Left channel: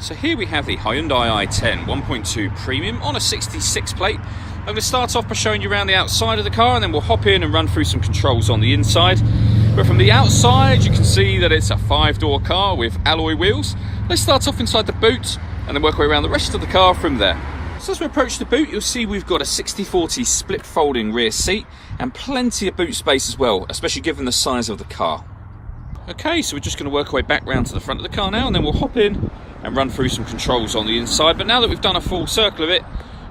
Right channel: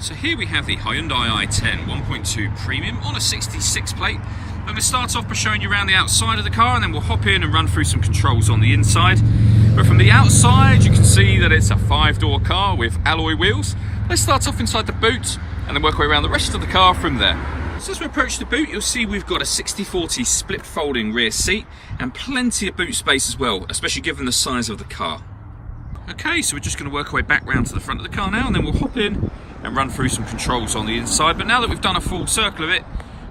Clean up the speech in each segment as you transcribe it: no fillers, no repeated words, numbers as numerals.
So here we have the Hyundai i10 1.2 Premium on a 66 plate. I'm going to start off by showing you around the outside of the car, and then we'll hop in and run through some controls on the inside. But from the outside you can see that it's a 5-door car with alloy wheels. Let's start off inside the boot and then work our way around the rest of the car from there. So as we approach the boot, you'll see we've got a 60/40 split folding rear seat and plenty of boot space as well, especially given the size of the car. Okay, so we're just going to work our way back round to the front of the car now, and then we'll hop in and run through some controls on the inside. But now that we've done a full circle of it,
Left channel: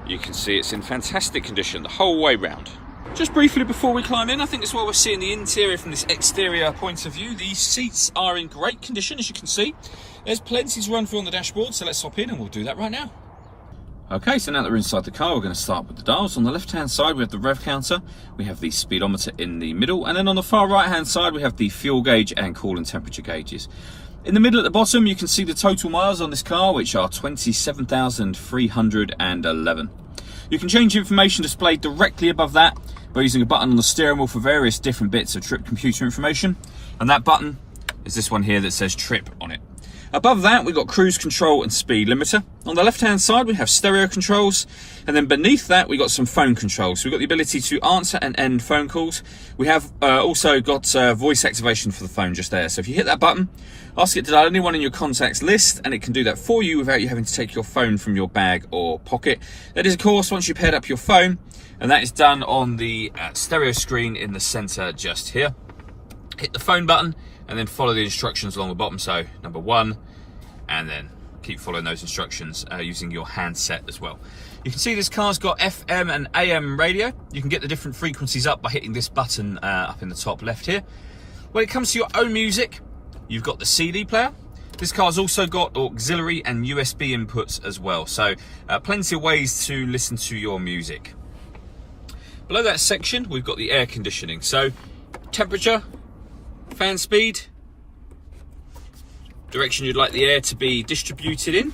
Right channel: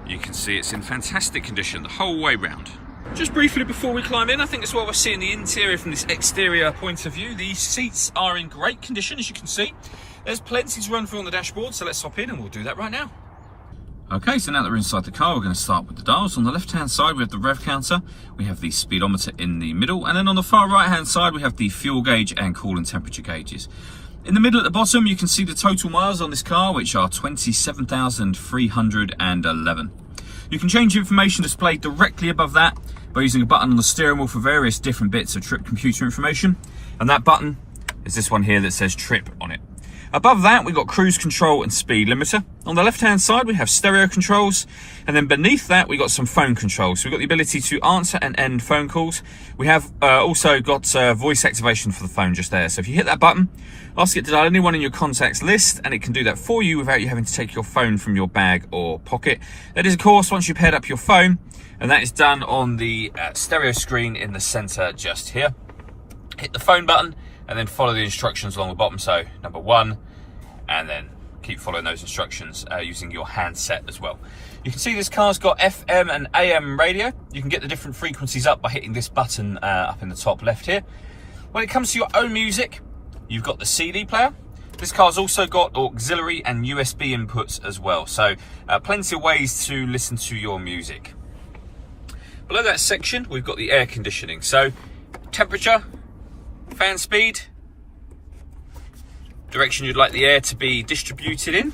you can see it's in fantastic condition the whole way round. Just briefly before we climb in, I think as well we're seeing the interior from this exterior point of view. The seats are in great condition, as you can see. There's plenty to run through on the dashboard, so let's hop in and we'll do that right now. Okay, so now that we're inside the car, we're going to start with the dials. On the left-hand side, we have the rev counter, we have the speedometer in the middle, and then on the far right-hand side, we have the fuel gauge and coolant temperature gauges. In the middle at the bottom, you can see the total miles on this car, which are 27,311. You can change information displayed directly above that by using a button on the steering wheel for various different bits of trip computer information, and that button is this one here that says trip on it. Above that, we've got cruise control and speed limiter. On the left-hand side, we have stereo controls. And then beneath that, we've got some phone controls. So we've got the ability to answer and end phone calls. We have also got voice activation for the phone just there. So if you hit that button, ask it to dial anyone in your contacts list, and it can do that for you without you having to take your phone from your bag or pocket. That is, of course, once you've paired up your phone, and that is done on the stereo screen in the center just here. Hit the phone button, and then follow the instructions along the bottom. So number 1, and then keep following those instructions using your handset as well. You can see this car's got FM and AM radio. You can get the different frequencies up by hitting this button up in the top left here. When it comes to your own music, you've got the CD player. This car's also got auxiliary and USB inputs as well. So plenty of ways to listen to your music. Below that section, we've got the air conditioning. So temperature, fan speed, direction you'd like the air to be distributed in.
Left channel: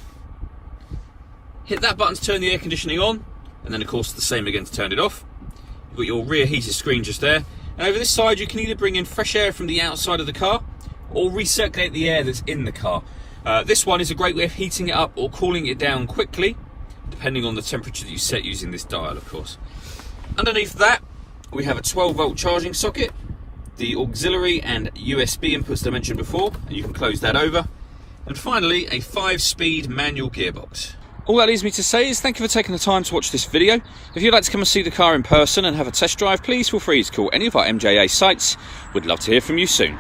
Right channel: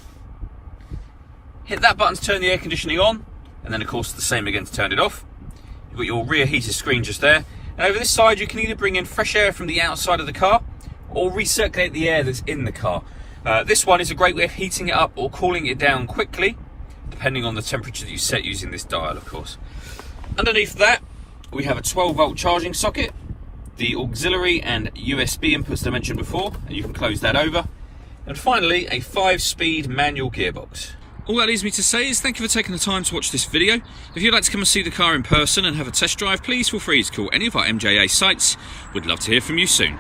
Hit that button to turn the air conditioning on, and then of course the same again to turn it off. You've got your rear heated screen just there. And over this side you can either bring in fresh air from the outside of the car or recirculate the air that's in the car. This one is a great way of heating it up or cooling it down quickly, depending on the temperature that you set using this dial, of course. Underneath that, we have a 12-volt charging socket, the auxiliary and USB inputs that I mentioned before, and you can close that over. And finally, a 5-speed manual gearbox. All that leaves me to say is thank you for taking the time to watch this video. If you'd like to come and see the car in person and have a test drive, please feel free to call any of our MJA sites. We'd love to hear from you soon.